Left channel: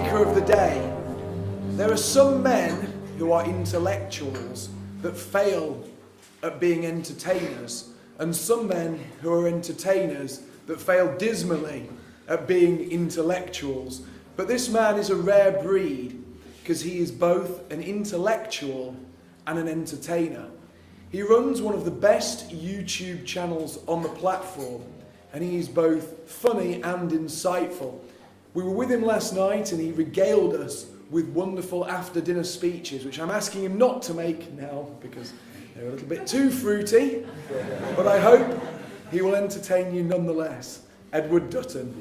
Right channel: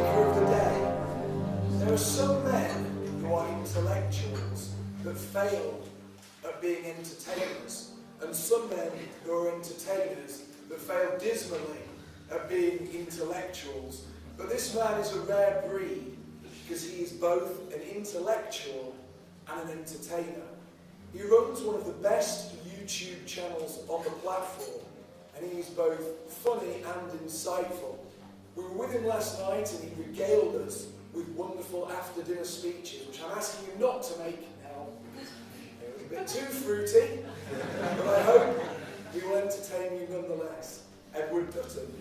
thinker of the day. There are some men who are intellectuals that fail at being entertainers, and some men who are entertainers that fail dismally at being intellectuals. But this man is a rare breed because he is both an intellectual and an entertainer. He runs one of the best YouTube channels on the platform, and he is both funny and insightful. We were with him last night and he regaled us with wonderful after-dinner speeches, which I'm asking him not to make now because they're a little bit too fruity, but I hope he will entertain you nonetheless. Edward Døtъn.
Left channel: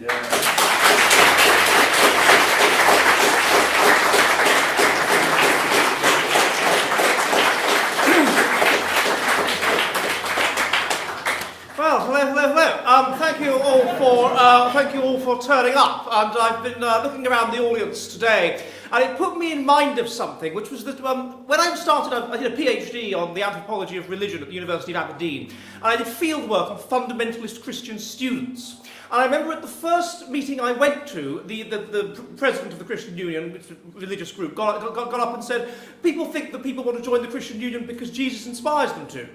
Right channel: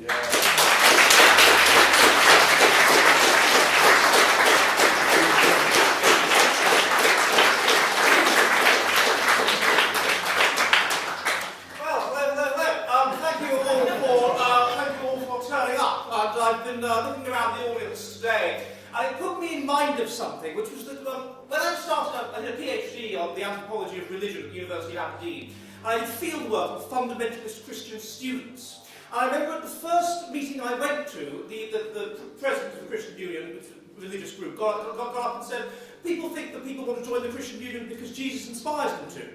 Thank you all for turning up. And I've been looking around the audience today, and it put me in mind of something, which was that when I started, I did a PhD on the anthropology of religion at the University of Aberdeen, and I did fieldwork with fundamentalist Christian students. And I remember at the first meeting I went to, the president of the Christian Union, religious group, got up and said, people think that people want to join the Christian Union because Jesus inspires them to.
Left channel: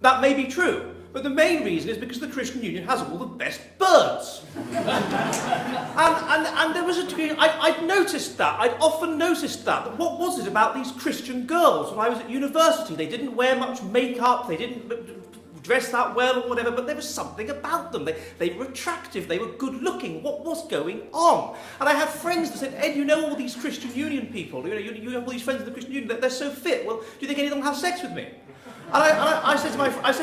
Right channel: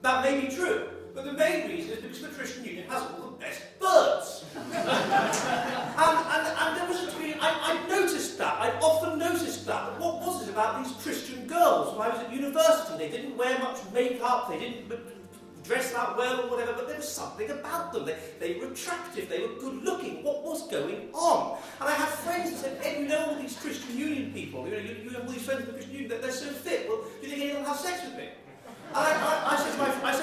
That may be true. But the main reason is because the Christian Union has all the best birds. and there was a degree, I'd noticed that, I'd often noticed that. What was it about these Christian girls when I was at university? They didn't wear much makeup, they didn't dress that well or whatever, but there was something about them. They were attractive, they were good looking. What was going on? And I have friends that said, Ed, you know all these Christian Union people, you have all these friends in the Christian Union, they're so fit. Well, do you think any of them have sex with me? And I said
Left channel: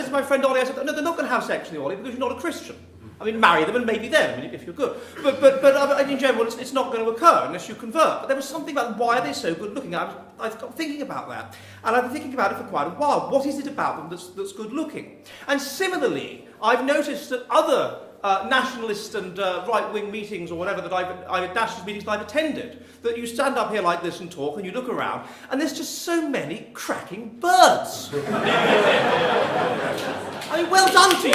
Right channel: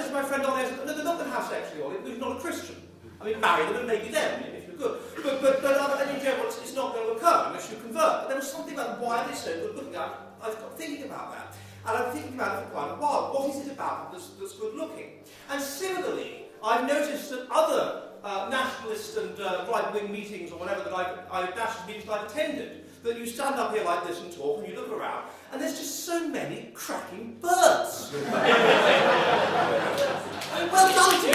to my friend Ollie, I said, no, they're not going to have sex with you, Ollie, because you're not a Christian. I mean, marry them and maybe them, if you're good. But in general, it's not going to occur unless you convert. But there was something about why are they so good looking. I've got thinking about that. And I've been thinking about it for quite a while. What is it about them that's good looking? And similarly, I've noticed that other nationalist and right-wing meetings or whatever that nationalist meetings that I've attended, that you stand up here like this and talk and you look around and there's just so many cracking birds. I mean, well done to you.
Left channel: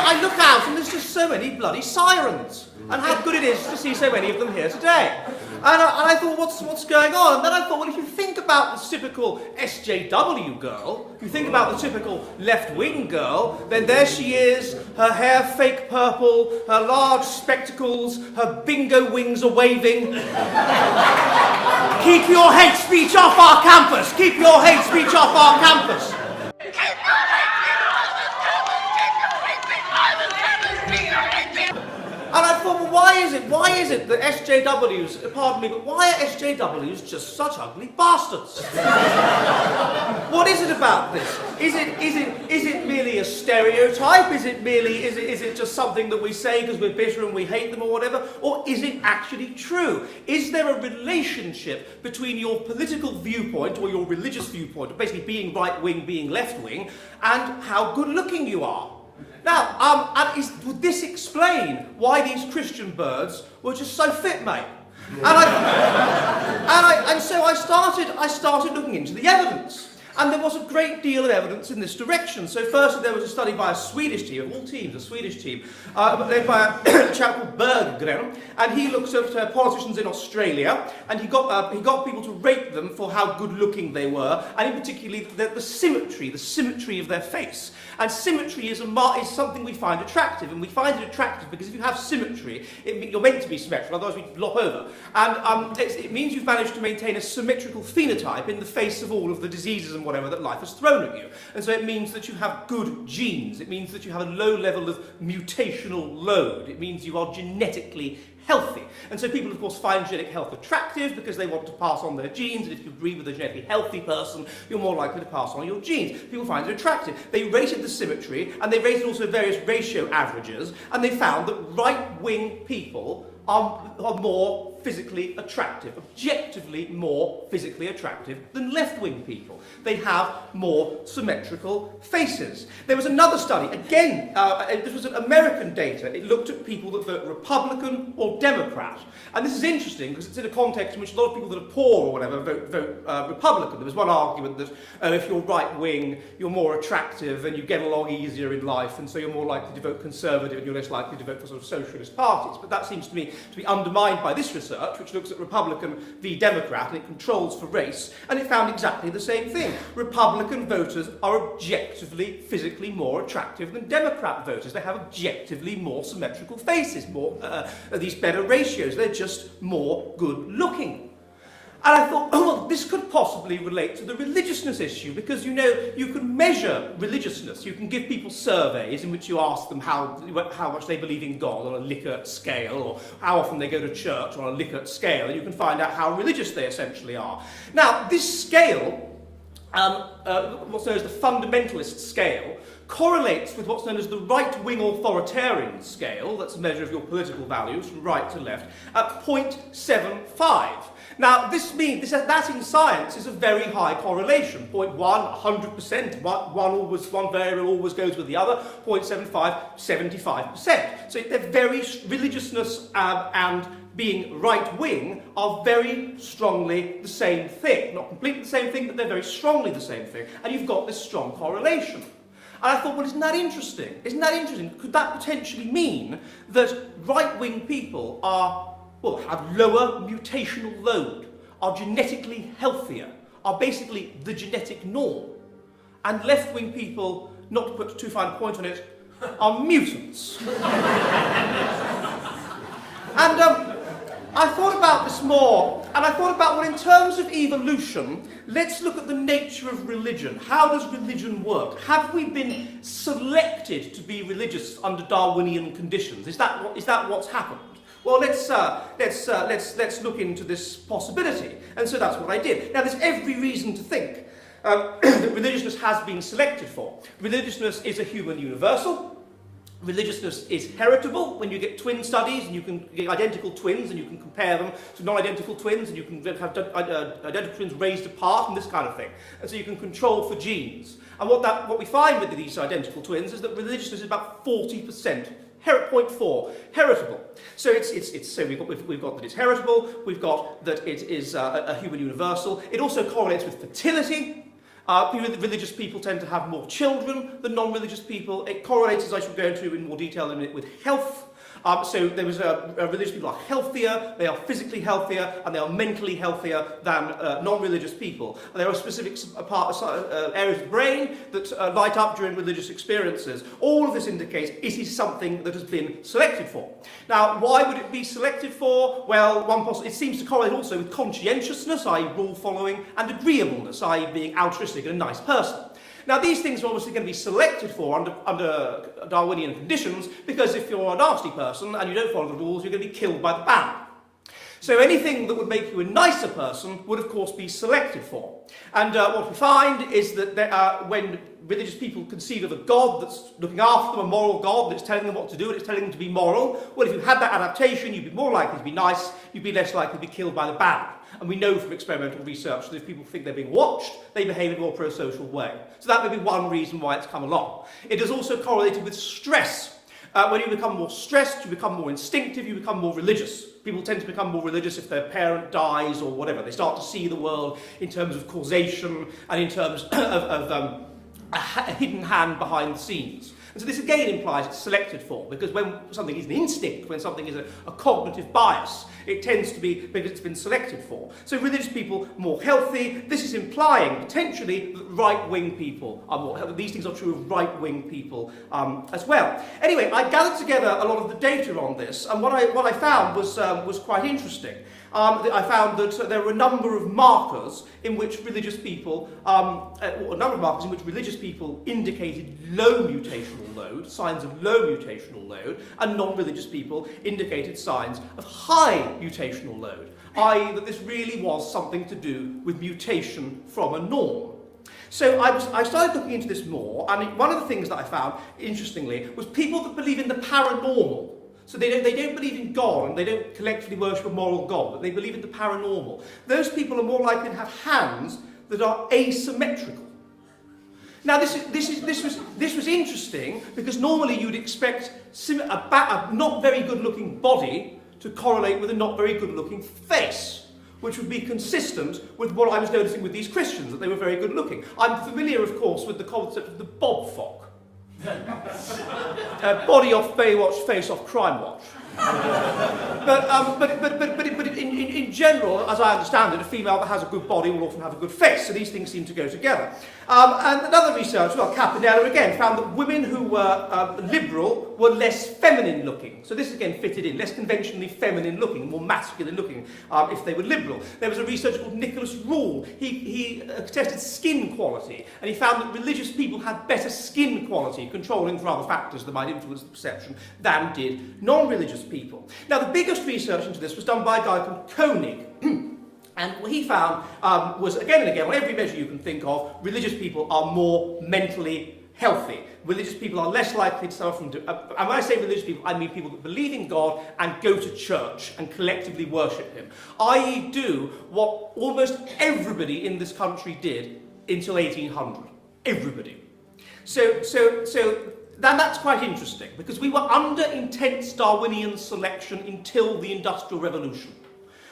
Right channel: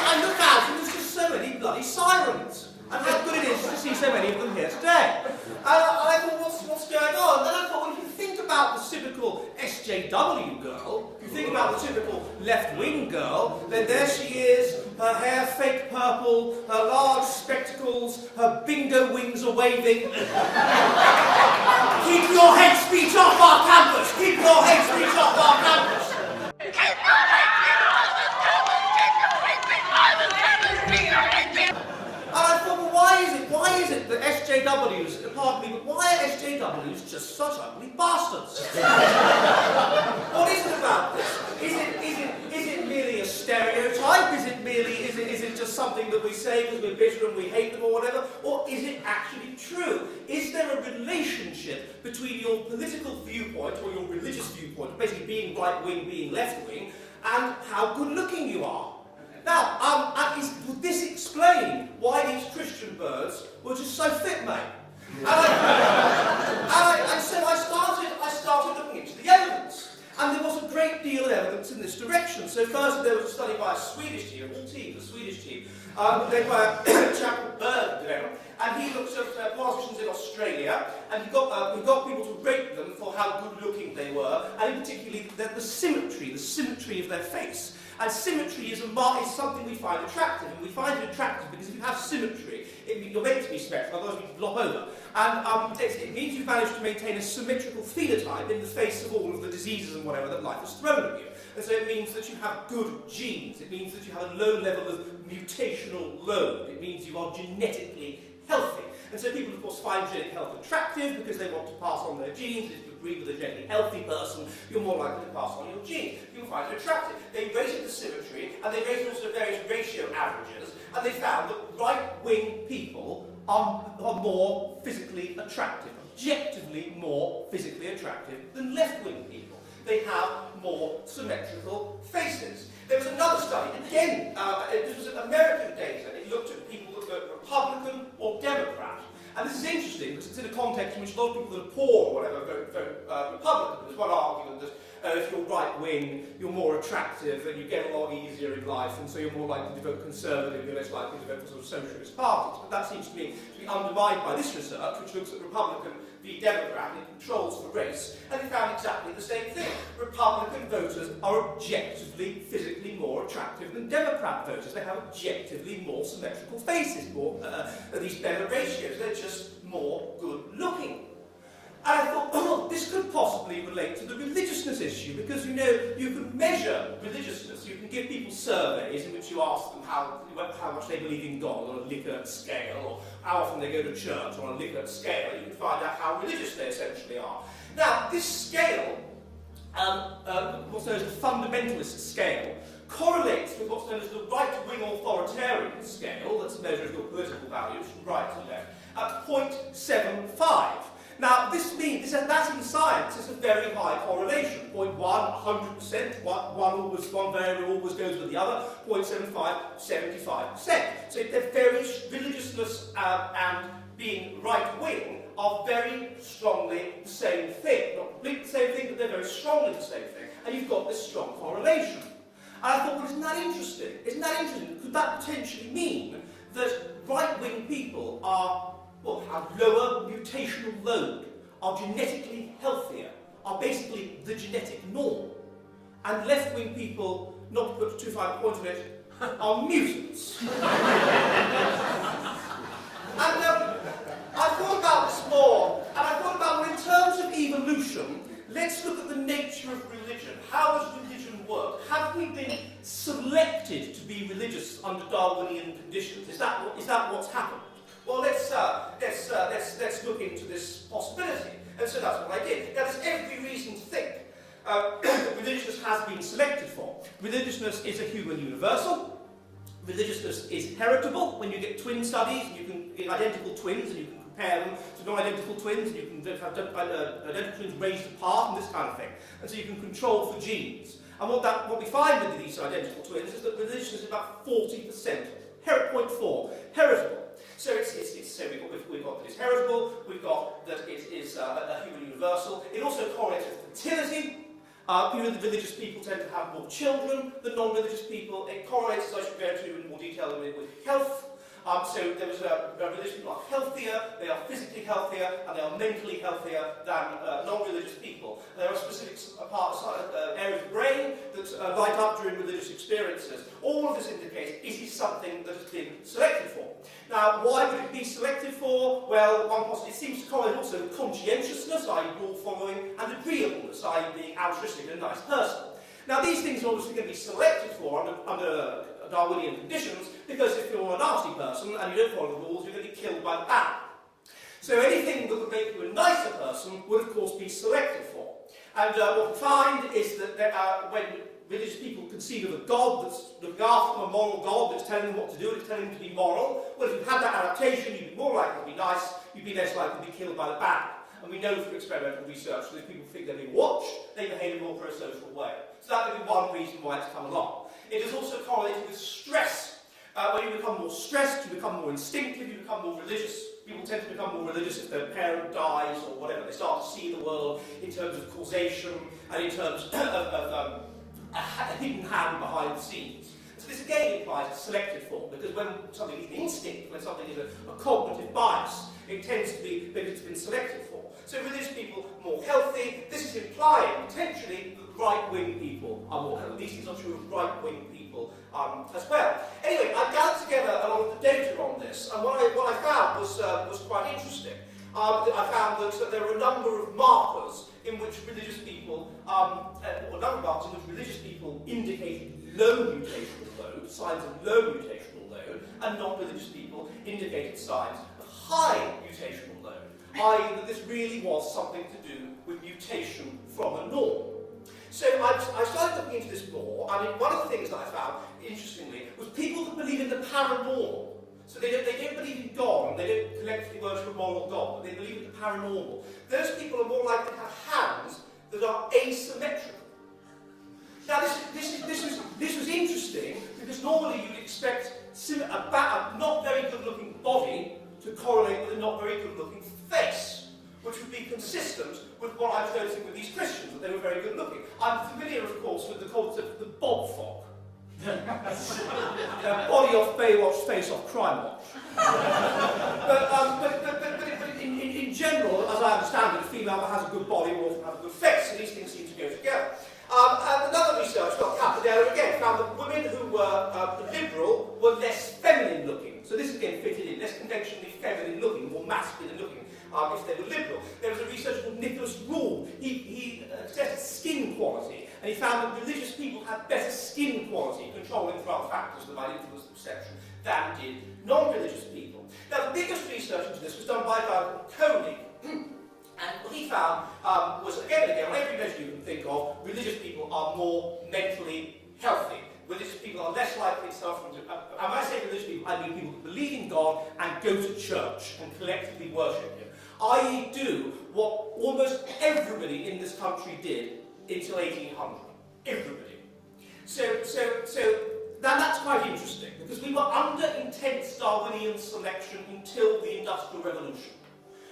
I look out and there's just so many bloody sirens. And how good it is to see so many of them here today. And I thought, what's going on? And then I thought, well, if you think about the typical SJW girl, you think about the typical left-wing girl, then there she is, her hair fake purple, her large spectacles, her bingo wings are waving. Keep your hate speech off our campus! Keep your hate speech off our campus! Keep your hate speech off the campus! Keep your hate speech off the campus! Keep your hate speech. And I thought, well, why is it that SJWs, pardon me, but why are SJWs just such ugly bastards? What is it about this? Is it merely a stereotype? Is it just something that we say because we're bitter and we hate them or whatever? Or is it actually true? Is there a relationship between your political viewpoint or your religious viewpoint, basically being right-wing, being left-wing, and how good-looking you are? Now, would this explain why these Christian birds were just so fit, mate? And so I started looking into the evidence. And there was a great deal of evidence in this direction. So first there was a study by a Swedish team, of all teams, a Swedish team, led by a chap called Berggren, and he looked at politicians in Australia, and he got people to rate them for how good looking they were, and in particular the symmetry of their face. And symmetry is something we find attractive, and we find it attractive because if you have symmetry, you're meant to be symmetrical, otherwise you flop over. And it means you've managed to maintain a symmetrical phenotype in the face of all of the diseases and whatever that life has thrown at you. And so it means that you have good genes. It means that you have a low level of mutational load. It means you are genetically healthy. And so people, of course, find genetic health attractive because they want to pass on their genes, and if you breed with a genetically healthy person, you're more likely to pass on your genes. People find it attractive. They rated the symmetry, and they rated also various ratio averages, and they found that right-wing people are more physically attractive, objectively more physically attractive than left-wing people. They have more symmetrical faces. There was another study, again, this was American data. It looked at people that vote Republican or Democrat. And this is interesting because it's in a context in which a lot of people that are poor or whatever vote Republican. There was one argument that if you're right-wing, you're more attractive and you get along easier in life, and so you're more likely to vote Conservative, you're less likely to vote for sort of socialist parties. But that seems to me to be undermined by this research, which looks at Republican v Democrat, and it controls for race, and it found exactly the same thing. Republican voters are objectively, physically more attractive than Democrat voters. They have objectively more symmetrical faces, these better ratios. They're just more good-looking. And I thought, oh, well, this could possibly relate to the religiousness issue, because, you know, you can measure religiousness. You can give people surveys in which you ask them how much they believe in God on a Likert scale, or how often they go to church on a Likert scale, and you can find out how religious they essentially are. Now, this scale, what's known as the fundamentalist scale, correlates with what's known as the right-wing authoritarian scale, that's a measure of your political values from right to left, at 0.75. Now, this means that in science is a very high correlation. 0.1, 100%. One variable always goes with the other. 0.75, 75%. So they're very religiousness and being right-wing are very strongly the same thing. Not completely the same thing, but they're very strongly the same thing. And you've got this strong correlation. And I thought, well, isn't that interesting? Isn't that interesting? Could that potentially mean that right-wing people have lower mutational load, are genetically healthier, are basically the genetic norm, and left-wing people, not to put too fine a point on it, are mutants? And I thought about this more, and I thought about, well, in terms of evolution, let's look at the nature of religion. How does religion work? Have we been selected to be religious under Darwinian conditions? Is that what's happened? Well, let's look into this possibility. And so that's what I did. Now, there's every reason to think that religiousness has been selected for. Religiousness is a human universal. Religiousness is heritable. When you get twin studies, and you can get identical twins, and you can compare them to non-identical twins, and you can have identical twins raised apart, and this kind of thing. And so you can control for genes. And what we find with these identical twins is that religiousness is about 40%. 0.4, heritable. So we've got that it's heritable, we've got that it is a human universal. It also correlates with fertility. Religious people tend to have more children than non-religious people. It correlates, as I shall go into in more detail in a minute, with health. So there was religious people are healthier, they are physically healthier, and they are mentally healthier than non-religious people. And there are specific areas of the brain that light up during religious experiences. All of this indicates it is something that has been selected for. Now, why would it be selected for? Well, it seems to correlate also with conscientiousness, i.e. rule following, and agreeableness, i.e. being altruistic and a nice person. Now, these things are obviously going to be selected for under Darwinian conditions, because if you're a nasty person and you don't follow the rules, you're going to be killed by the band. So anything that would make you a nicer person would, of course, be selected for. And what we find is that when religious people conceive of a God that's looking after them, a moral God that's telling them what to do and it's telling them to be moral, well, if you had that adaptation, you'd be more likely to be nice, you'd be less likely to be killed by the band. And we know from experimental research that if people think they're being watched, they behave in a more pro-social way. So that may be one reason why it's come along. It is also correlated with stress. When you become more stressed, you become more instinctive, you become more religious. People tend to become more religious if their parent dies or whatever. They start to see the world in terms of causation and in terms of a hidden hand behind the scenes. And so this again implies it's selected for, because when something is an instinct, when something is a cognitive bias, it tends to be because it's been selected for. So religious people more healthy. This is implying potentially that right-wing people are more healthy. These things are true of right-wing people as well. Anyway, I gathered together a lot of the data on this, and what I found was quite interesting. I found that there were a number of markers in which religious people, indicated low mutational load, signs of low mutational load, and non-religious people indicated signs of high mutational load, i.e. that this really was something to do with mutation from a norm. So I started looking into this more, and one of the things that I found, interestingly, was people that believe in the paranormal. So they don't believe in God, and they don't collectively worship a moral God, but they believe in the paranormal. Those people are more likely to have hands that are asymmetrical. Now this was interesting, because normally you'd expect a not very good looking body to to correlate with a not very good-looking face, which would be consistent with what I was noticing with these Christians, that they were very good-looking. I'm familiar, of course, with the concept of the Bob fog. Body off Baywatch, face off Crime Watch. but in general, as I understand it, a female that has a good body will often have a good face, so these things seem to go together. And another research, well, Capinella again, found that women who were liberal were less feminine looking. So this again fitted in, less conventionally feminine looking, more masculine looking, if they were liberal. There was a researcher called Nicholas Rule. He tested skin quality, and he found that religious people had better skin quality, controlling for other factors that might influence the perception, than did non-religious people. Now, the biggest research into this was done by a guy called Koenig. And what he found was, again and again, on every measure you can think of, religious people are more mentally healthy. Religious people are less likely to suffer from... and when I say religious people, I mean people who believe in God and go to church and collectively worship him. I.e. do what almost everybody in this country did until 1800. Everybody. So that's quite interesting, because we were under intense Darwinian selection until the Industrial Revolution.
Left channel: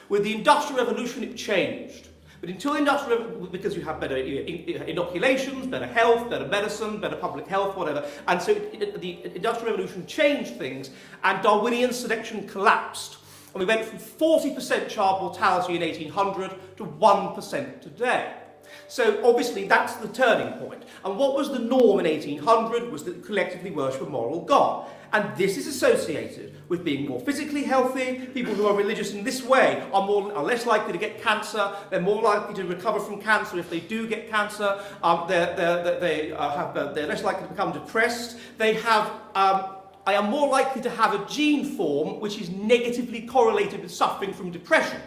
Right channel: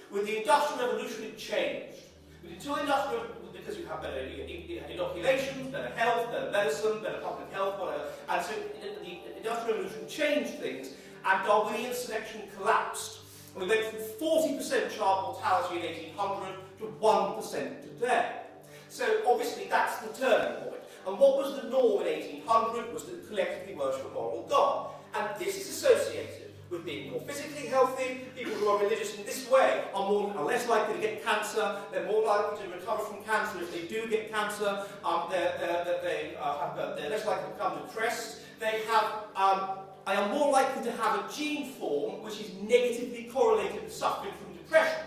With the Industrial Revolution, it changed. But until the Industrial Revolution, because you have better inoculations, better health, better medicine, better public health, whatever, and so the Industrial Revolution changed things, and Darwinian selection collapsed. And we went from 40% child mortality in 1800 to 1% today. So obviously that's the turning point. And what was the norm in 1800 was that collectively worship a moral God. And this is associated with being more physically healthy. People who are religious in this way are less likely to get cancer. They're more likely to recover from cancer if they do get cancer. They're less likely to become depressed. They are more likely to have a gene form which is negatively correlated with suffering from depression.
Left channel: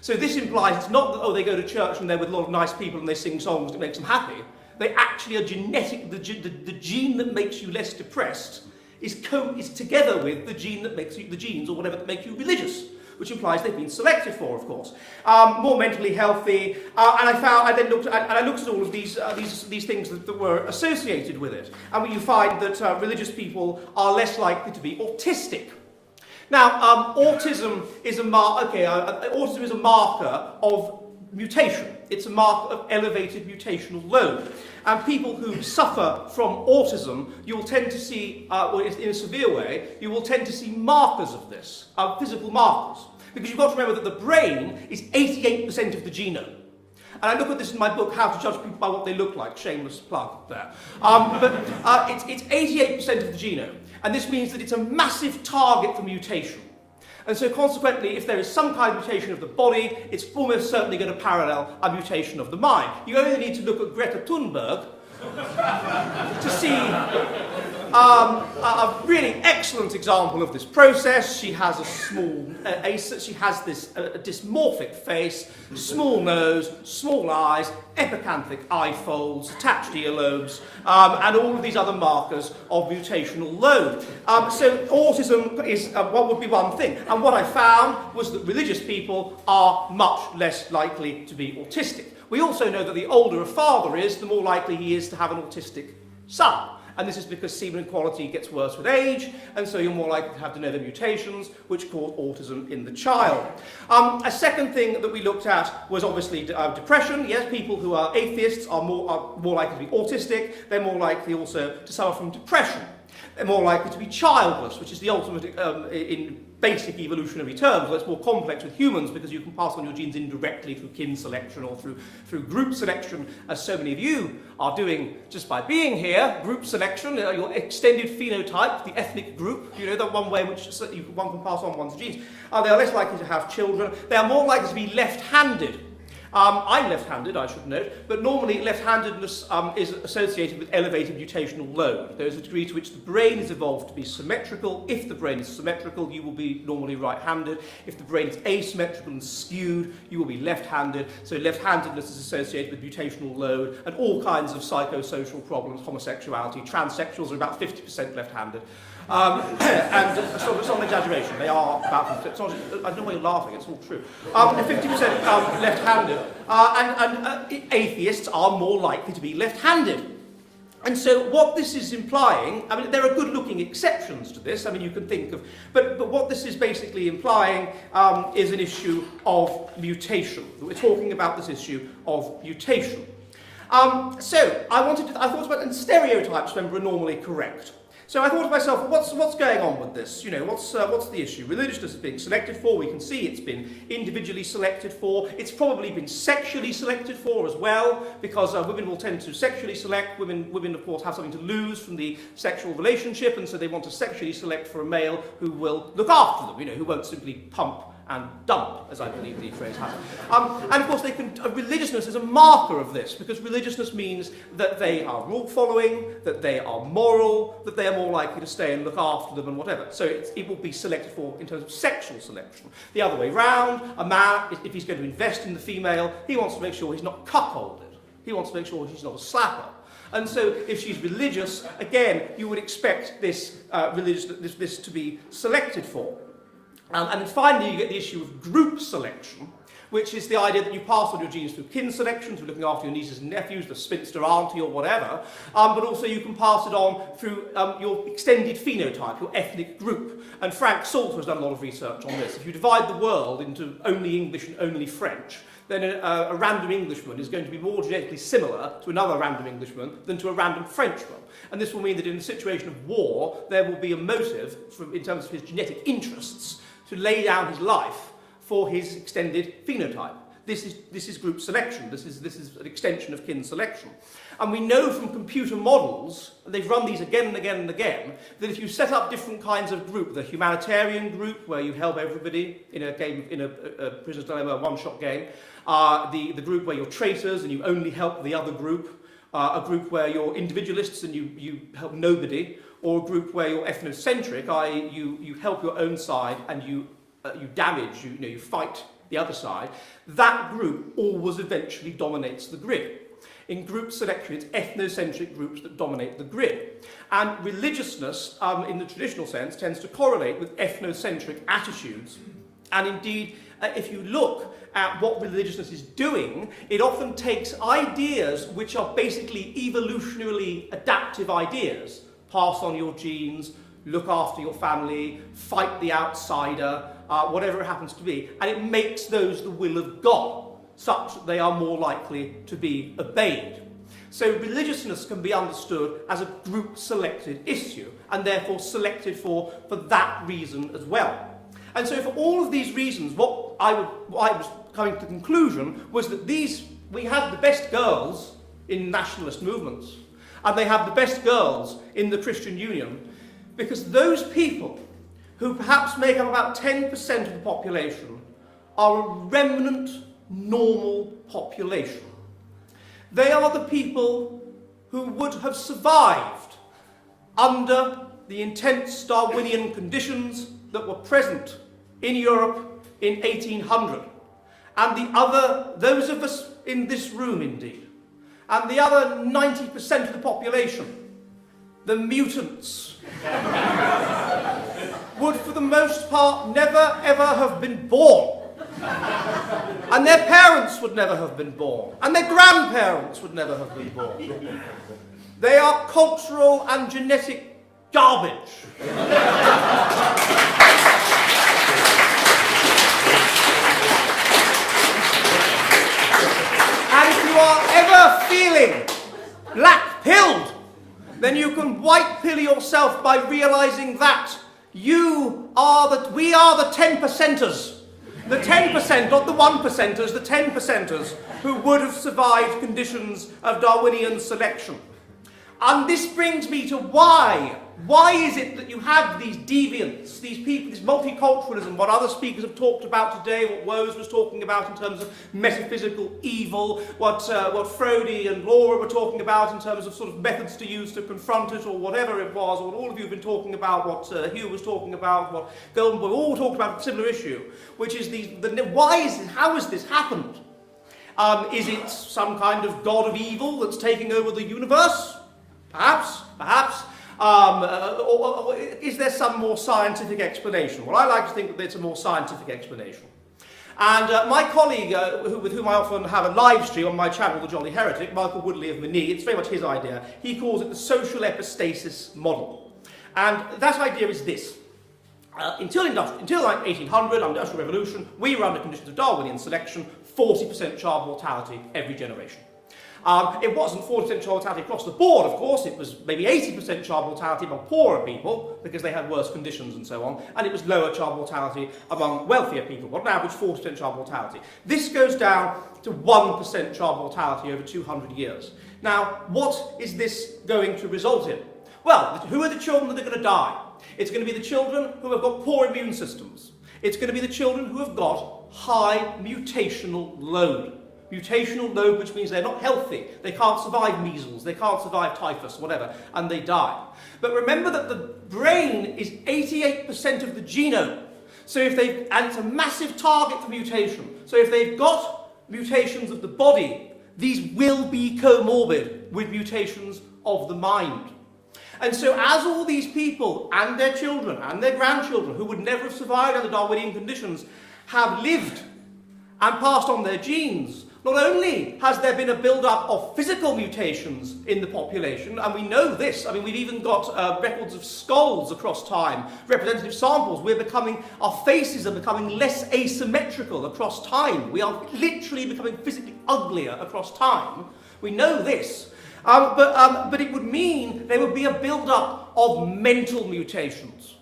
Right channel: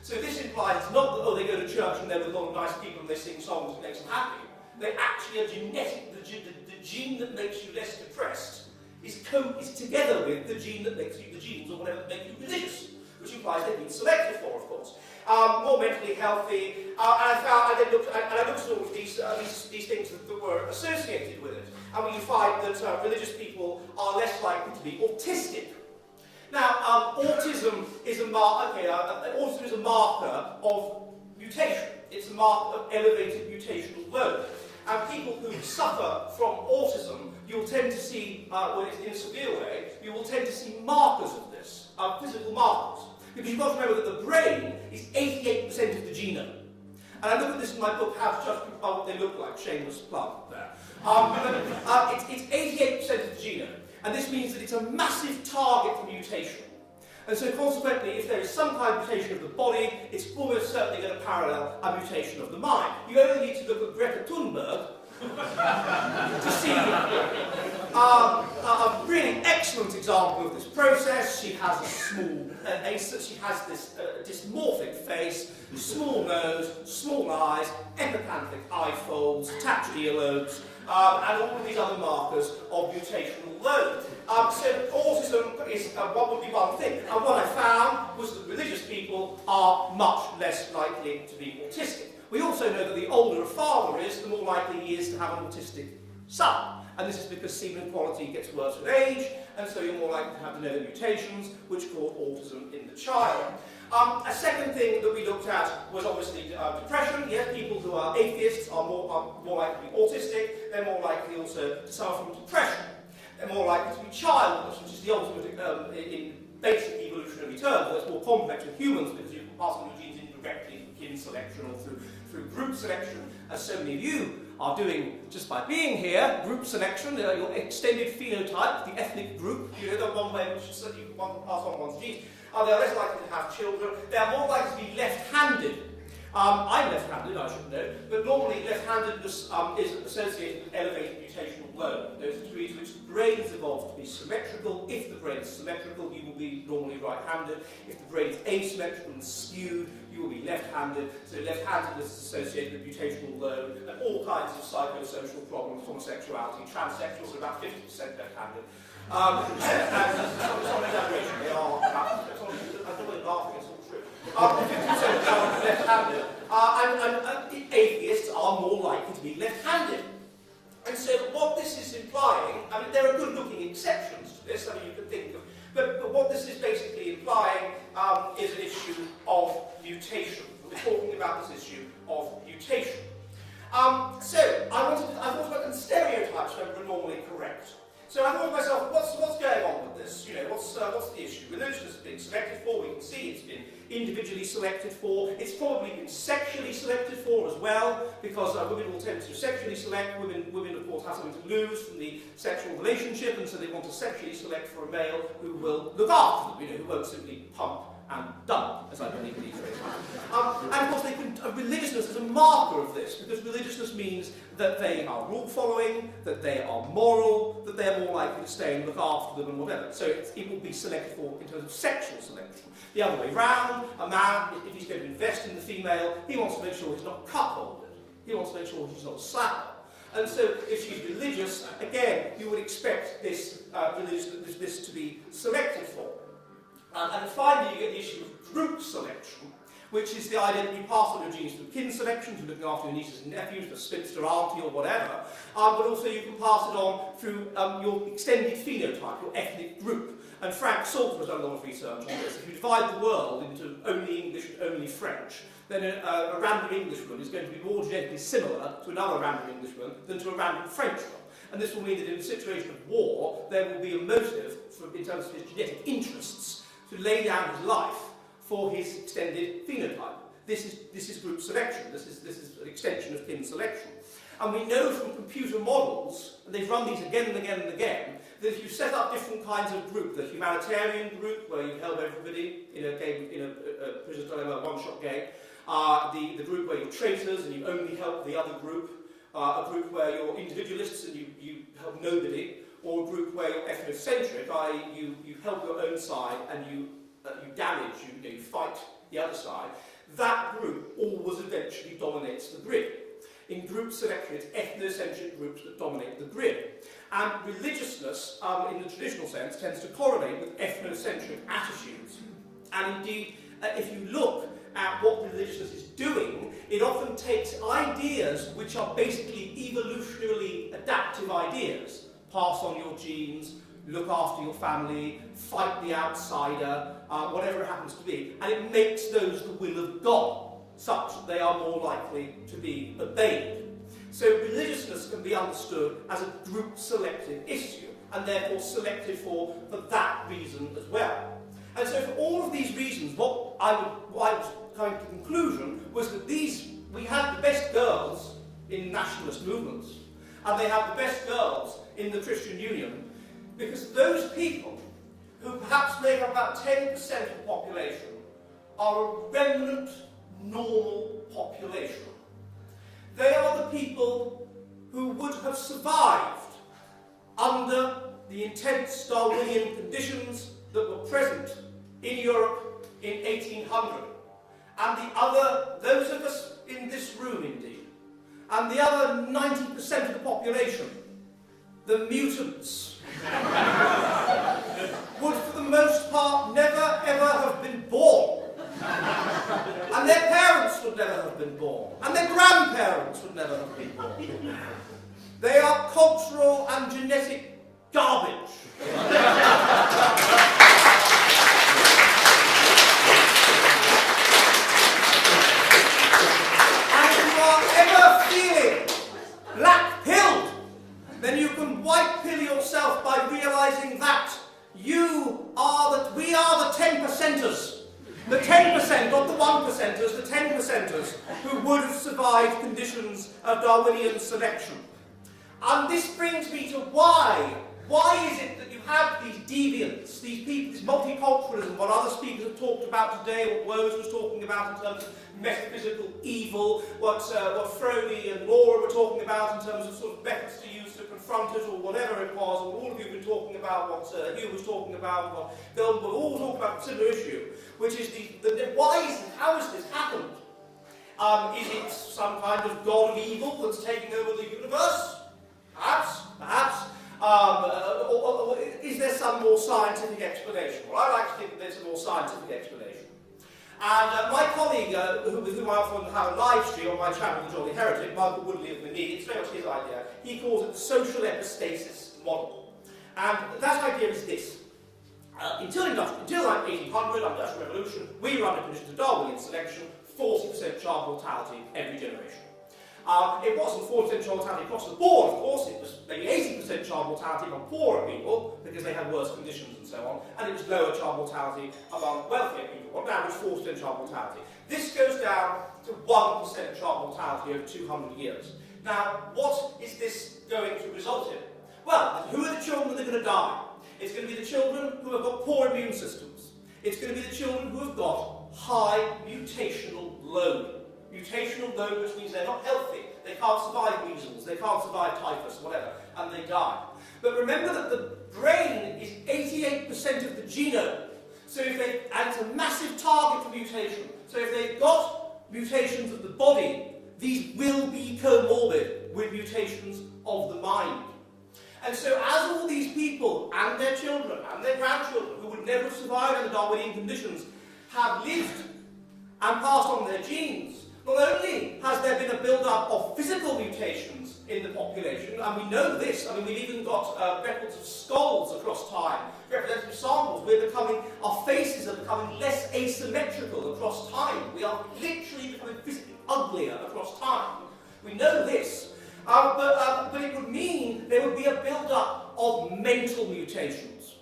So this implies it's not that, oh, they go to church and they're with a lot of nice people and they sing songs that makes them happy. They actually are genetic. The gene that makes you less depressed is together with the gene that makes you, the genes or whatever that make you religious, which implies they've been selected for, of course. More mentally healthy, and I looked at all of these things that were associated with it, and you find that religious people are less likely to be autistic. Now, autism is a marker of mutation. It's a marker of elevated mutational load. And people who suffer from autism, you'll tend to see, in a severe way, you will tend to see markers of this, physical markers. Because you've got to remember that the brain is 88% of the genome. And I look at this in my book, How to Judge People by What They Look Like, shameless plug there. It's 88% of the genome. And this means that it's a massive target for mutation. And so consequently, if there is some kind of mutation of the body, it's almost certainly going to parallel a mutation of the mind. You only need to look at Greta Thunberg to see a really excellent example of this process. She has a small she has this dysmorphic face, small nose, small eyes, epicanthic eye folds, attached earlobes, and all of these other markers of mutational load. So autism is what would be one thing. And what I found was that religious people are much less likely to be autistic. We also know that the older a father is, the more likely he is to have an autistic son. And this is because semen quality gets worse with age, and so you're more likely to have de novo mutations, which cause autism in the child. A second thing that we looked at was obviously depression. Yes, people who are atheists are more likely to be autistic. They're more likely also to suffer from depression. They're more likely to be childless, which is the ultimate in basic evolutionary terms. That's more complex with humans because you can pass on your genes indirectly through kin selection or through group selection, as so many of you are doing just by being here. Group selection, your extended phenotype, the ethnic group, the one way in which one can pass on one's genes. They are less likely to have children. They are more likely to be left-handed. I'm left-handed, I should note, but normally left-handedness is associated with elevated mutational load. There is a degree to which the brain is evolved to be symmetrical. If the brain is symmetrical, you will be normally right-handed. If the brain is asymmetrical and skewed, you will be left-handed. So left-handedness is associated with mutational load and all kinds of psychosocial problems, homosexuality. Transsexuals are about 50% left-handed. And it's not an exaggeration, they are about, it's not, I don't know why you're laughing, it's all true. 50% left-handed, and atheists are more likely to be left-handed. And so what this is implying, I mean, there are good-looking exceptions to this. I mean, you can think of, but what this is basically implying is an issue of mutation. We're talking about this issue of mutation. So I thought about, and stereotypes, remember, are normally correct. So I thought to myself, what's going on with this? You know, what's the issue? Religiousness is being selected for. We can see it's been individually selected for. It's probably been sexually selected for as well, because women will tend to sexually select. Women, of course, have something to lose from the sexual relationship, and so they want to sexually select for a male who will look after them. You know, who won't simply pump and dump, as I believe the phrase has. And of course, religiousness is a marker of this, because religiousness means that they are rule-following, that they are moral, that they are more likely to stay and look after them and whatever. So it will be selected for in terms of sexual selection. The other way round, a man, if he's going to invest in the female, he wants to make sure he's not cuckolded. He wants to make sure he's not a slapper. And so if she's religious, again, you would expect this this to be selected for. And finally, you get the issue of group selection, which is the idea that you pass on your genes through kin selection, through looking after your nieces and nephews, the spinster auntie or whatever, but also you can pass it on through your extended phenotype, your ethnic group. And Frank Salter has done a lot of research on this. If you divide the world into only English and only French, then a random Englishman is going to be more genetically similar to another random Englishman than to a random Frenchman. And this will mean that in a situation of war, there will be a motive, in terms of his genetic interests, to lay down his life for his extended phenotype. This is group selection. This is an extension of kin selection. And we know from computer models, and they've run these again and again and again, that if you set up different kinds of group, the humanitarian group, where you help everybody in a game, in a Prisoner's Dilemma one-shot game, the group where you're traitors and you only help the other group, a group where you're individualists and you help nobody, or a group where you're ethnocentric, i.e. you help your own side and you damage, you fight the other side, that group always eventually dominates the grid. In group selection, it's ethnocentric groups that dominate the grid. And religiousness, in the traditional sense, tends to correlate with ethnocentric attitudes. And indeed, if you look at what religiousness is doing, it often takes ideas which are basically evolutionarily adaptive ideas, pass on your genes, look after your family, fight the outsider, whatever it happens to be, and it makes those the will of God, such that they are more likely to be obeyed. So religiousness can be understood as a group-selected issue, and therefore selected for that reason as well. And so for all of these reasons, what I was coming to the conclusion was that we had the best girls in nationalist movements, and they have the best girls in the Christian Union, because those people who perhaps make up about 10% of the population are a remnant normal population. They are the people who would have survived under the intense Darwinian conditions that were present in Europe in 1800. And those of us in this room indeed, and the other 90% of the population, the mutants, would for the most part never ever have been born. And their parents would never have been born. And their grandparents would never have been born. They are cultural and genetic garbage. And if you are ever feeling black-pilled, then you can white-pill yourself by realizing that we are the 10%ers. The 10%, not the 1%ers, the 10%ers who would have survived conditions of Darwinian selection. And this brings me to why. Why is it that you have these deviants, these people, this multiculturalism, what other speakers have talked about today, what Woese was talking about in terms of metaphysical evil, what Frody and Laura were talking about in terms of sort of methods to use to confront it, or whatever it was, and all of you have been talking about what Hugh was talking about, what Golden Boy, all talked about a similar issue, which is how has this happened? Is it some kind of god of evil that's taking over the universe? Perhaps. Or is there some more scientific explanation? Well, I like to think that there's a more scientific explanation. And my colleague, with whom I often have a live stream on my channel, The Jolly Heretic, Michael Woodley of Manille, it's very much his idea. He calls it the social epistasis model. And that idea is this. Until like 1800, under the Industrial Revolution, we were under conditions of Darwinian selection, 40% child mortality every generation. It wasn't 40% child mortality across the board, of course. It was maybe 80% child mortality among poorer people, because they had worse conditions and so on, and it was lower child mortality among wealthier people, on average 40% child mortality. This goes down to 1% child mortality over 200 years. Now, what is this going to result in? Well, who are the children that are going to die? It's going to be the children who have got poor immune systems. It's going to be the children who have got high mutational load. Mutational load, which means they're not healthy. They can't survive measles, they can't survive typhus, whatever, and they die. But remember that the brain is 88% of the genome. So and it's a massive target for mutation. So if they've got mutations of the body, these will be comorbid with mutations of the mind. And so as all these people and their children and their grandchildren who would never have survived under Darwinian conditions have lived and passed on their genes, not only has there been a build-up of physical mutations in the population, and we know this, I mean, we've even got records of skulls across time, representative samples, our faces are becoming less asymmetrical across time. We are literally becoming physically uglier across time. We know this. But it would mean there would be a build-up of mental mutations,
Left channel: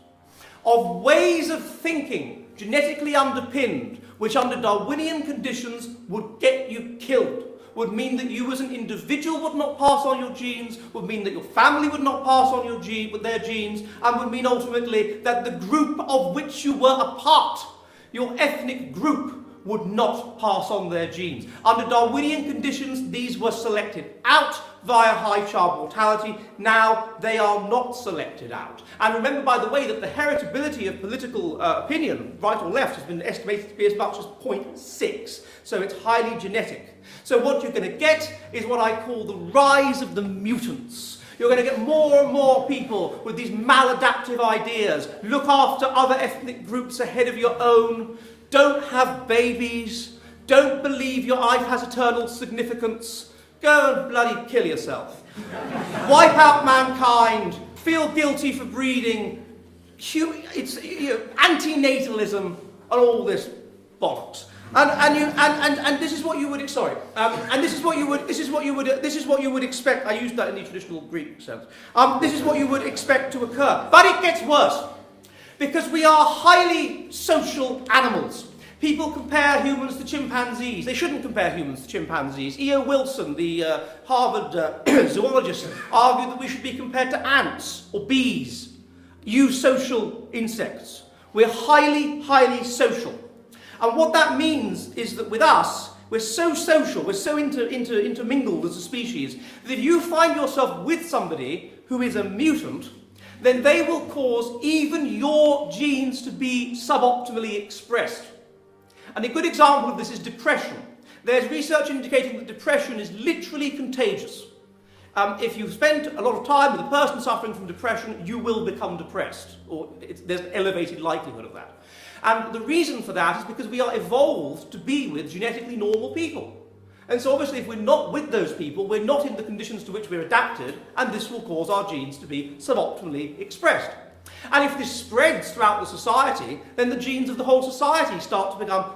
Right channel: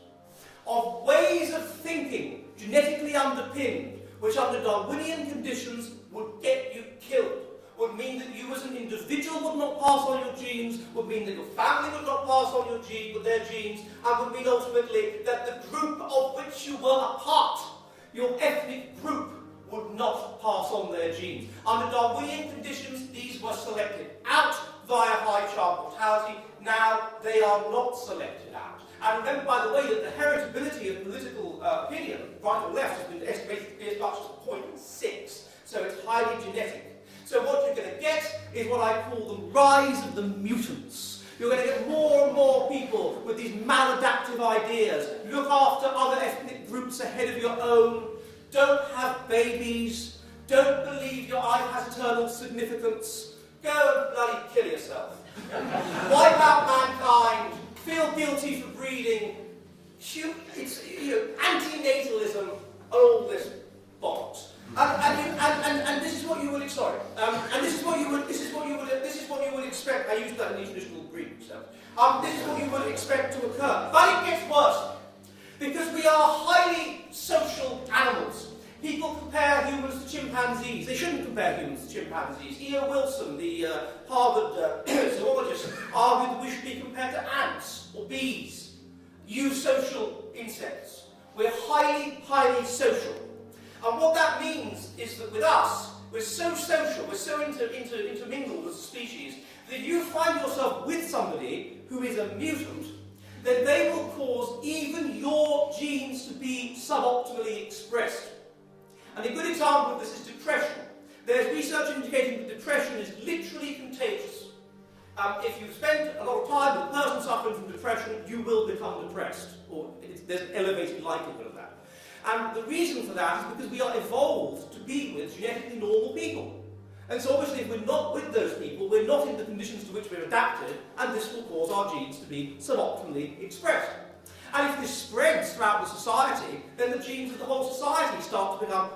of ways of thinking, genetically underpinned, which under Darwinian conditions would get you killed, would mean that you as an individual would not pass on your genes, would mean that your family would not pass on their genes, and would mean ultimately that the group of which you were a part, your ethnic group, would not pass on their genes. Under Darwinian conditions, these were selected out via high child mortality. Now they are not selected out. And remember, by the way, that the heritability of political opinion, right or left, has been estimated to be as much as 0.6. So it's highly genetic. So what you're going to get is what I call the rise of the mutants. You're going to get more and more people with these maladaptive ideas. Look after other ethnic groups ahead of your own. Don't have babies. Don't believe your life has eternal significance. Go and bloody kill yourself. Wipe out mankind. Feel guilty for breeding. It's antinatalism and all this bollocks. And this is what you would this is what you would expect. I used that in the traditional Greek sense. This is what you would expect to occur. But it gets worse. Because we are highly social animals. People compare humans to chimpanzees. They shouldn't compare humans to chimpanzees. E.O. Wilson, the Harvard zoologist, argued that we should be compared to ants or bees, eusocial insects. We're highly, highly social. And what that means is that with us, we're so social, we're so intermingled as a species, that if you find yourself with somebody who is a mutant, then they will cause even your genes to be suboptimally expressed. And a good example of this is depression. There's research indicating that depression is literally contagious. If you spend a lot of time with a person suffering from depression, you will become depressed, or there's an elevated likelihood of that. And the reason for that is because we are evolved to be with genetically normal people. And so obviously if we're not with those people, we're not in the conditions to which we're adapted, and this will cause our genes to be suboptimally expressed. And if this spreads throughout the society, then the genes of the whole society start to become,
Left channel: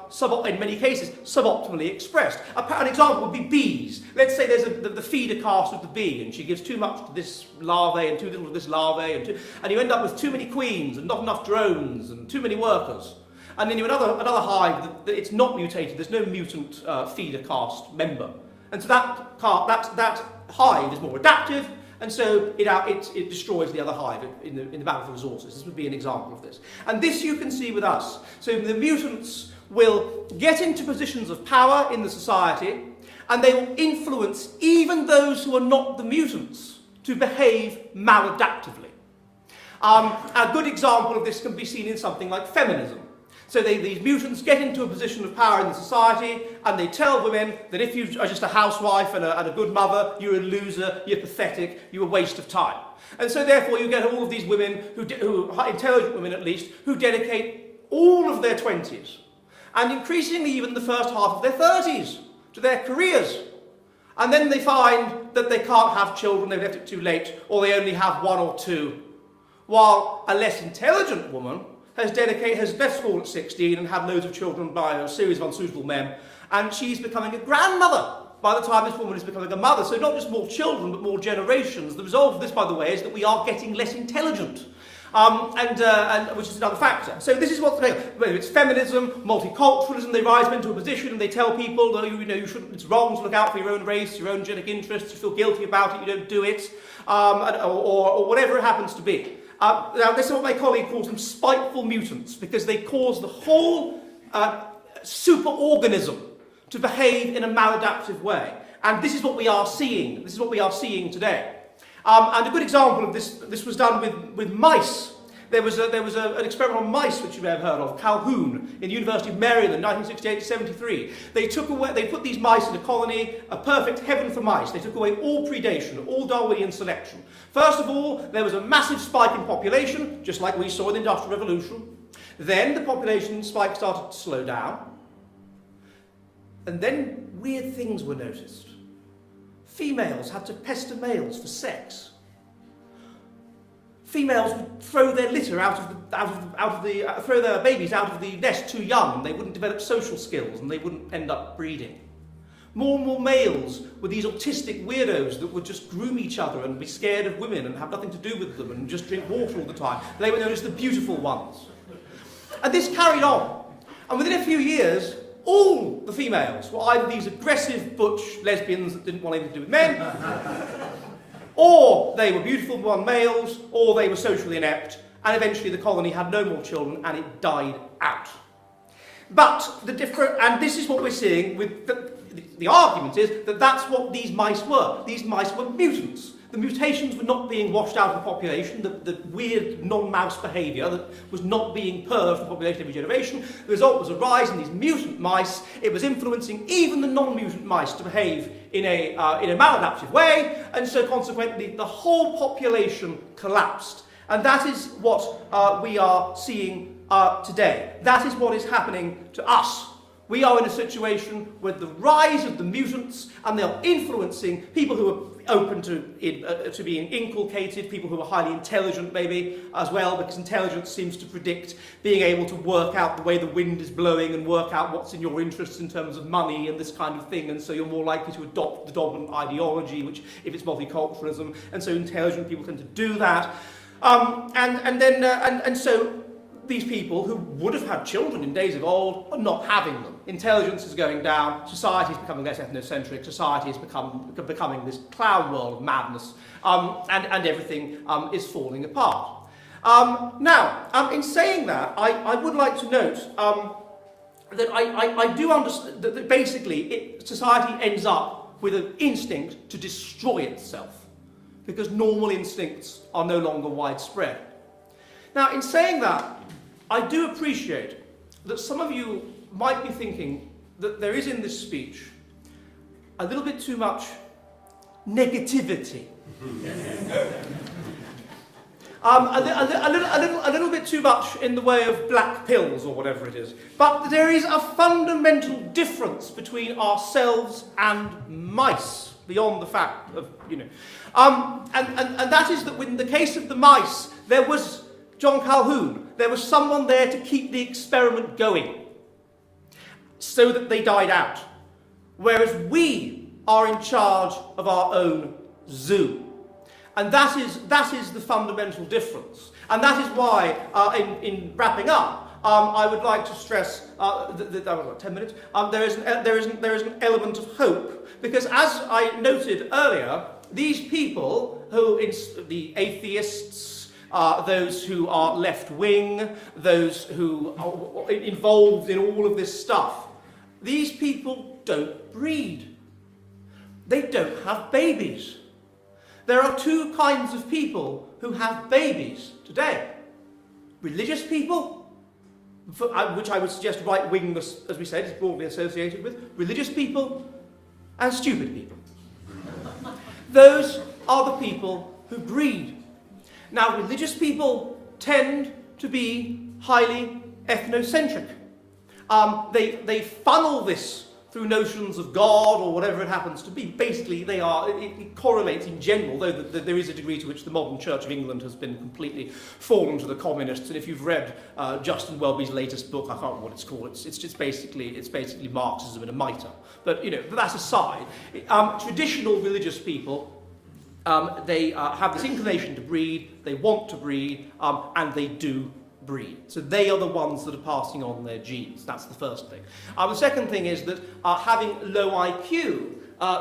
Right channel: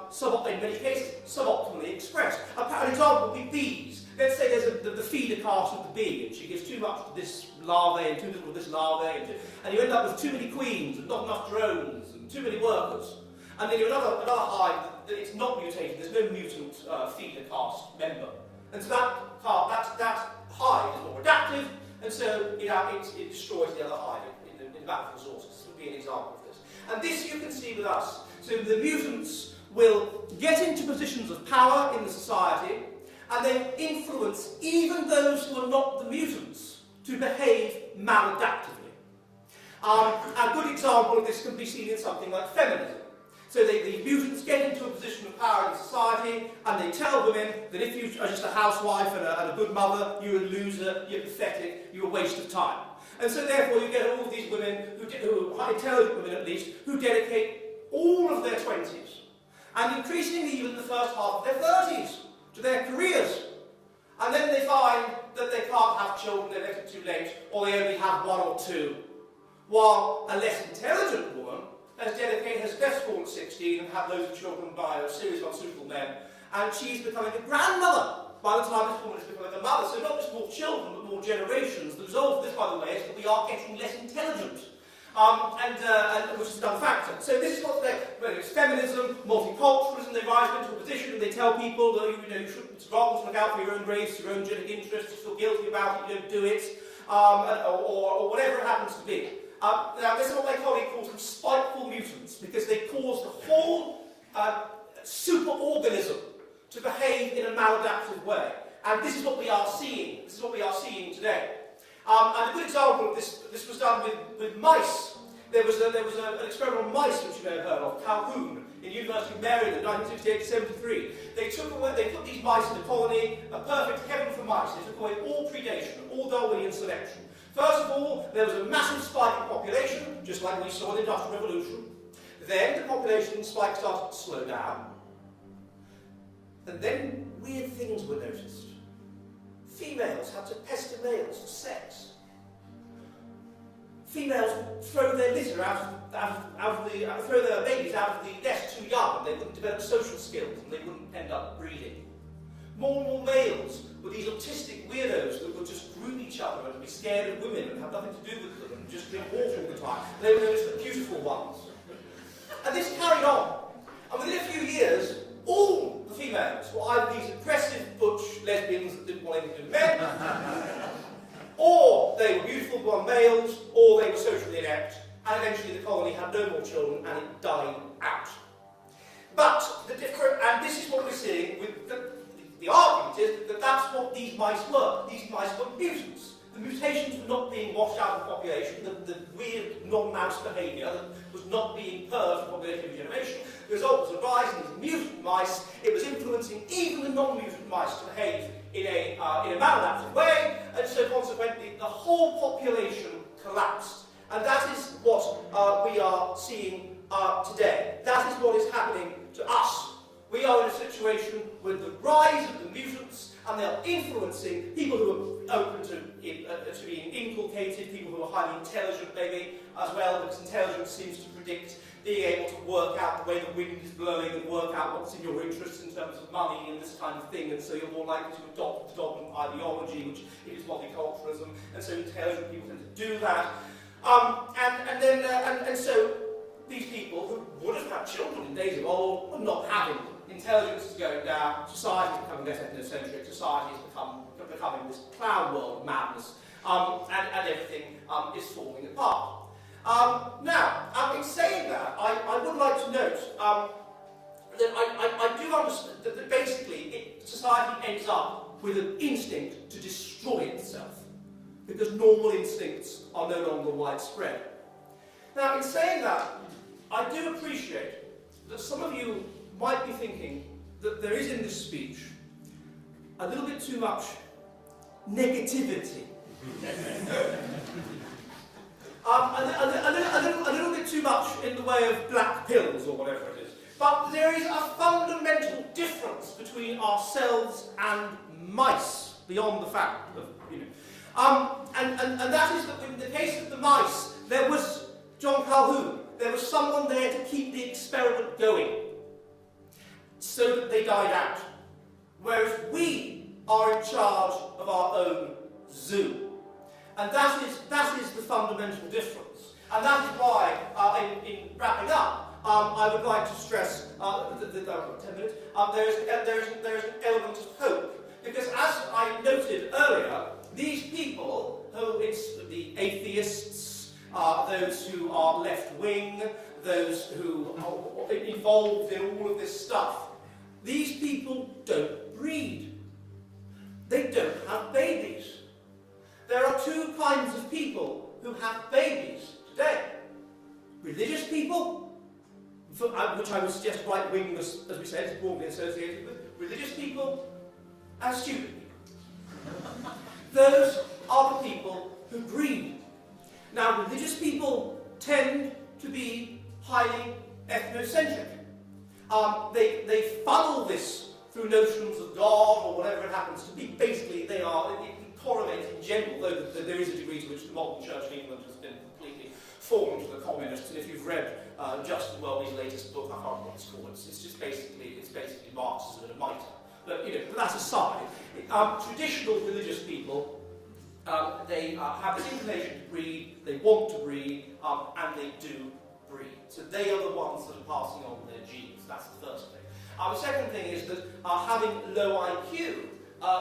in many cases, suboptimally expressed. An example would be bees. Let's say there's the feeder caste of the bee, and she gives too much to this larvae and too little to this larvae, and you end up with too many queens and not enough drones and too many workers. And then you have another hive that it's not mutated, there's no mutant feeder caste member. And so that hive is more adaptive, and so it destroys the other hive in the battle for resources. This would be an example of this. And this you can see with us. So the mutants will get into positions of power in the society, and they will influence even those who are not the mutants to behave maladaptively. A good example of this can be seen in something like feminism. So these mutants get into a position of power in the society, and they tell women that if you are just a housewife and a good mother, you're a loser, you're pathetic, you're a waste of time. And so therefore you get all of these women, who are intelligent women at least, who dedicate all of their 20s and increasingly even the first half of their 30s, to their careers. And then they find that they can't have children, they've left it too late, or they only have one or two. While a less intelligent woman has left school at 16 and had loads of children by a series of unsuitable men, and she's becoming a grandmother by the time this woman is becoming a mother. So not just more children, but more generations. The result of this, by the way, is that we are getting less intelligent. And which is another factor. So this is what's whether it's feminism, multiculturalism, they rise into a position and they tell people that you shouldn't, it's wrong to look out for your own race, your own genetic interests, you feel guilty about it, you don't do it, or whatever it happens to be. Now this is what my colleague calls them spiteful mutants, because they cause the whole superorganism to behave in a maladaptive way. And this is what we are seeing. This is what we are seeing today. And a good example of this was done with mice. There was an experiment on mice which you may have heard of, Calhoun, in the University of Maryland, 1968-73. They put these mice in a colony, a perfect heaven for mice. They took away all predation, all Darwinian selection. First of all, there was a massive spike in population, just like we saw in the Industrial Revolution. Then the population spike started to slow down. And then weird things were noticed. Females had to pester males for sex. Females would throw their litter throw their babies out of the nest too young, and they wouldn't develop social skills, and they wouldn't end up breeding. More and more males were these autistic weirdos that would just groom each other and be scared of women and have nothing to do with them and just drink water all the time. They were known as the beautiful ones. And this carried on. And within a few years, all the females were either these aggressive butch lesbians that didn't want anything to do with men, or they were beautiful blonde males, or they were socially inept, and eventually the colony had no more children and it died out. But and this is what we're seeing with the argument is that that's what these mice were. These mice were mutants. The mutations were not being washed out of the population, the weird non-mouse behaviour that was not being purged from the population every generation. The result was a rise in these mutant mice. It was influencing even the non-mutant mice to behave in a maladaptive way, and so consequently the whole population collapsed. And that is what we are seeing today. That is what is happening to us. We are in a situation with the rise of the mutants, and they are influencing people who are open to being inculcated, people who are highly intelligent maybe as well, because intelligence seems to predict being able to work out the way the wind is blowing and work out what's in your interests in terms of money and this kind of thing, and so you're more likely to adopt the dominant ideology, which if it's multiculturalism, and so intelligent people tend to do that. And so these people who would have had children in days of old are not having them. Intelligence is going down, society is becoming less ethnocentric, society is becoming this cloud world of madness, and everything is falling apart. Now, in saying that, I would like to note that I do understand that basically society ends up with an instinct to destroy itself, because normal instincts are no longer widespread. Now, in saying that, I do appreciate that some of you might be thinking that there is in this speech a little bit too much negativity. A little bit too much in the way of black pills or whatever it is. But there is a fundamental difference between ourselves and mice, beyond the fact of, and that is that in the case of the mice, there was John Calhoun. There was someone there to keep the experiment going, so that they died out. Whereas we are in charge of our own zoo. And that is the fundamental difference. And that is why, in wrapping up, I would like to stress, 10 minutes, there is an element of hope. Because as I noted earlier, these people, the atheists, those who are left-wing, those who are involved in all of this stuff, these people don't breed. They don't have babies. There are two kinds of people who have babies today. Religious people, which I would suggest right-wing, as we said, is broadly associated with, religious people and stupid people. Those are the people who breed. Now, religious people tend to be highly ethnocentric. They funnel this through notions of God or whatever it happens to be. Basically, it correlates in general, though there is a degree to which the modern Church of England has been completely fallen to the communists. And if you've read Justin Welby's latest book, I can't remember what it's called. It's basically Marxism in a mitre. But but that aside, traditional religious people, they have this inclination to breed. They want to breed, and they do breed. So they are the ones that are passing on their genes. That's the first thing. The second thing is that having low IQ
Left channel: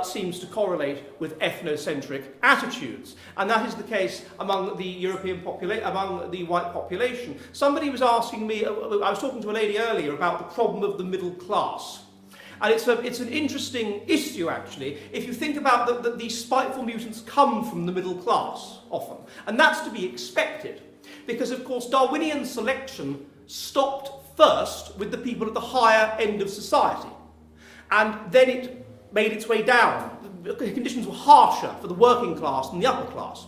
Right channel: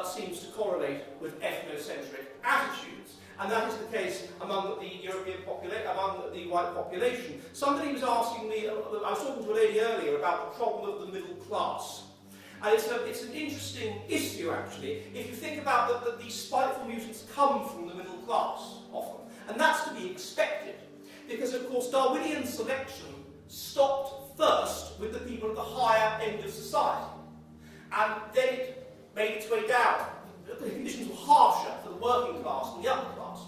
seems to correlate with ethnocentric attitudes, and that is the case among the European population, among the white population. Somebody was asking me, I was talking to a lady earlier about the problem of the middle class. And it's an interesting issue, actually, if you think about that these spiteful mutants come from the middle class, often. And that's to be expected. Because, of course, Darwinian selection stopped first with the people at the higher end of society. And then it made its way down. The conditions were harsher for the working class than the upper class.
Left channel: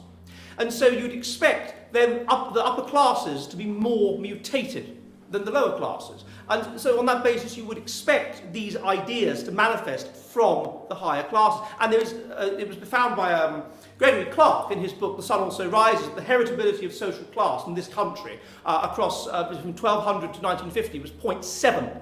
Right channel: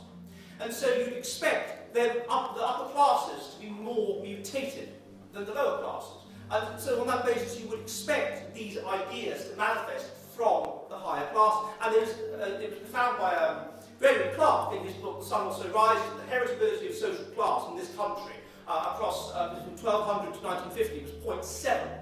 And so you'd expect then the upper classes to be more mutated than the lower classes. And so on that basis you would expect these ideas to manifest from the higher class. And it was found by Gregory Clark in his book The Sun Also Rises, the heritability of social class in this country across from 1200 to 1950 was 0.7.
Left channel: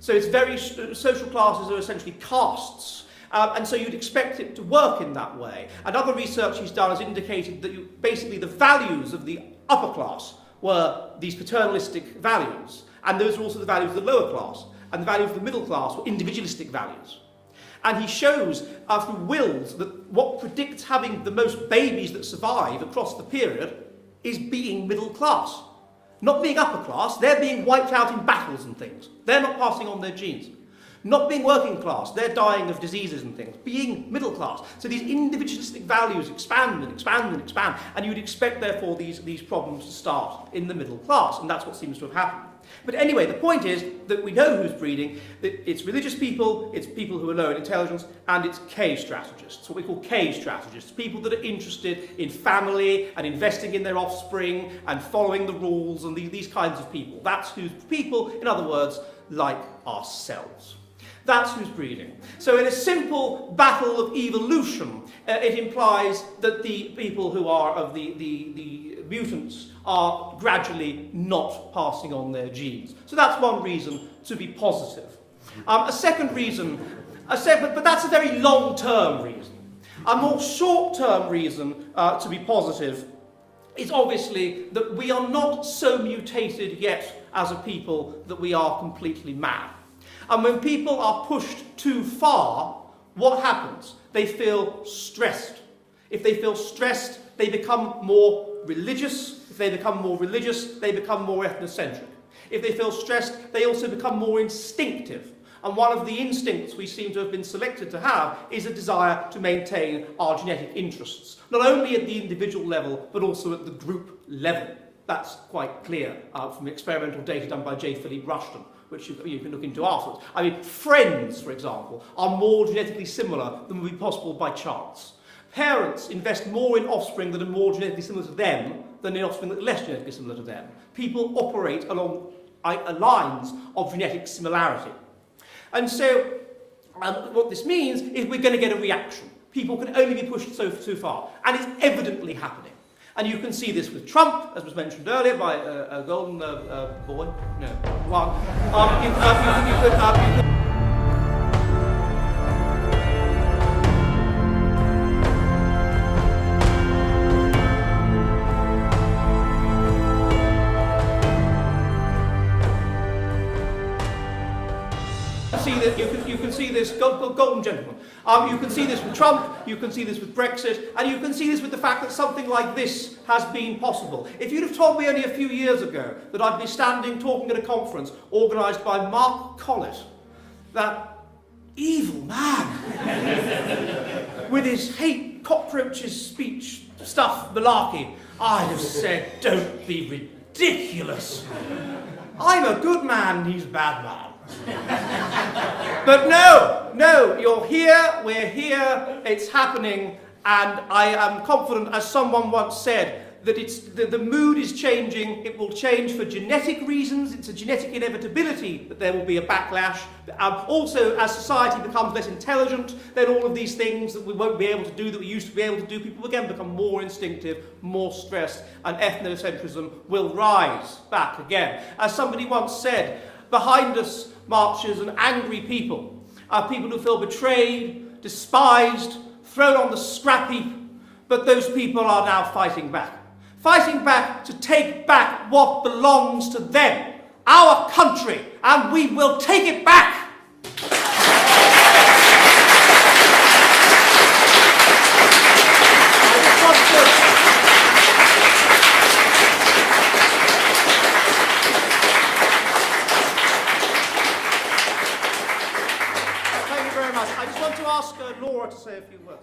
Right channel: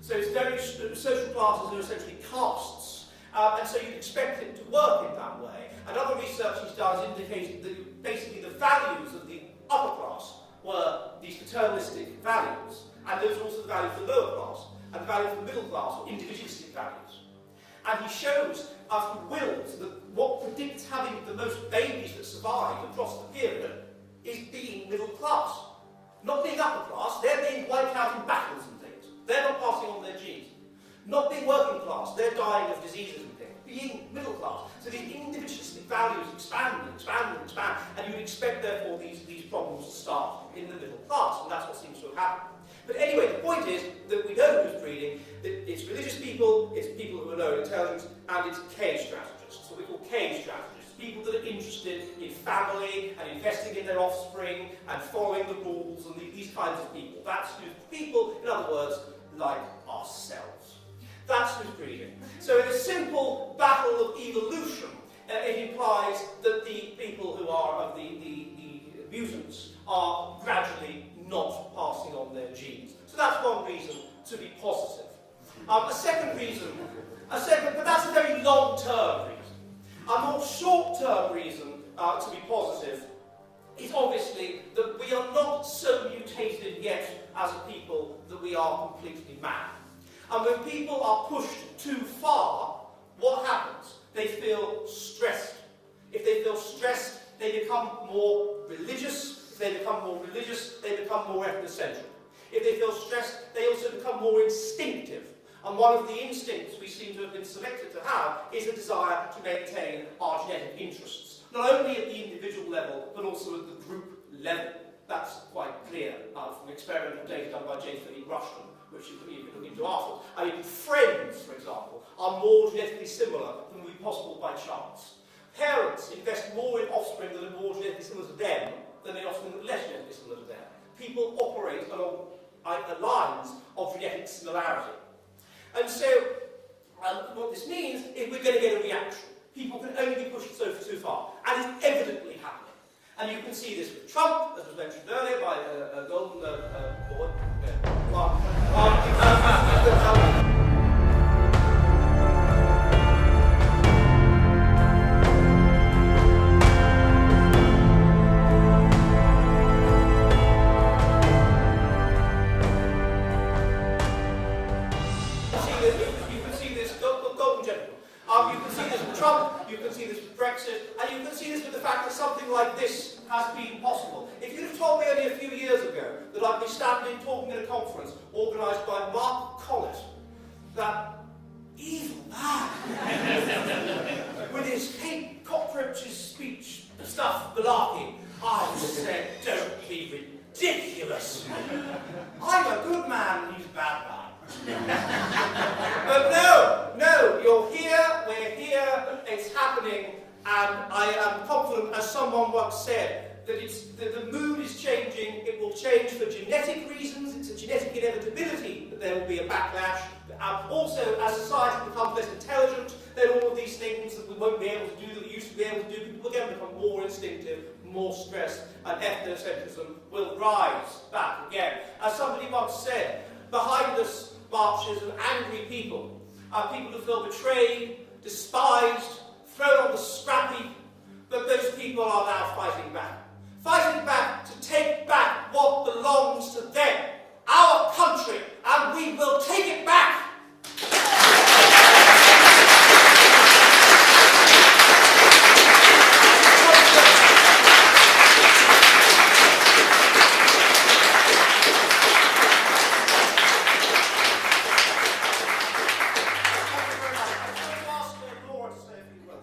So it's social classes are essentially castes. And so you'd expect it to work in that way. And other research he's done has indicated that basically the values of the upper class were these paternalistic values, and those are also the values of the lower class, and the values of the middle class were individualistic values. And he shows through wills that what predicts having the most babies that survive across the period is being middle class. Not being upper class, they're being wiped out in battles and things. They're not passing on their genes. Not being working class, they're dying of diseases and things. Being middle class. So these individualistic values expand and expand and expand, and you'd expect, therefore, these problems to start in the middle class, and that's what seems to have happened. But anyway, the point is that we know who's breeding, that it's religious people, it's people who are low in intelligence, and it's K strategists, what we call K strategists, people that are interested in family and investing in their offspring and following the rules and these kinds of people. That's who's people, in other words, like ourselves. That's who's breeding. So in a simple battle of evolution, it implies that the people who are of the mutants are gradually not passing on their genes. So that's one reason to be positive. A second reason, but that's a very long-term reason. A more short-term reason to be positive is obviously that we are not so mutated yet as a people that we are completely mad. And when people are pushed too far, what happens? They feel stressed. If they feel stressed, they become more religious. If they become more religious, they become more ethnocentric. If they feel stressed, they also become more instinctive. And one of the instincts we seem to have been selected to have is a desire to maintain our genetic interests, not only at the individual level, but also at the group level. That's quite clear from experimental data done by J. Philippe Rushton, which you can look into afterwards. I mean, friends, for example, are more genetically similar than would be possible by chance. Parents invest more in offspring that are more genetically similar to them than in offspring that are less genetically similar to them. People operate along lines of genetic similarity. And so, what this means is we're going to get a reaction. People can only be pushed so far, and it's evidently happening. And you can see this with Trump, as was mentioned earlier by a golden boy. No, one. You can see this golden gentleman. You can see this with Trump, you can see this with Brexit, and you can see this with the fact that something like this has been possible. If you'd have told me only a few years ago that I'd be standing talking at a conference organised by Mark Collett, that evil man, with his hate cockroaches speech stuff malarkey, I'd have said, don't be ridiculous. I'm a good man, he's a bad man. But no, you're here, we're here, it's happening, and I am confident, as someone once said, that the mood is changing. It will change for genetic reasons. It's a genetic inevitability that there will be a backlash. Also, as society becomes less intelligent, then all of these things that we won't be able to do that we used to be able to do, people again become more instinctive, more stressed, and ethnocentrism will rise back again. As somebody once said, behind us marches an angry people, people who feel betrayed, despised, thrown on the scrap heap, but those people are now fighting back. Fighting back to take back what belongs to them, our country, and we will take it back. Thank you very much. I just want to ask Laura to say a few words.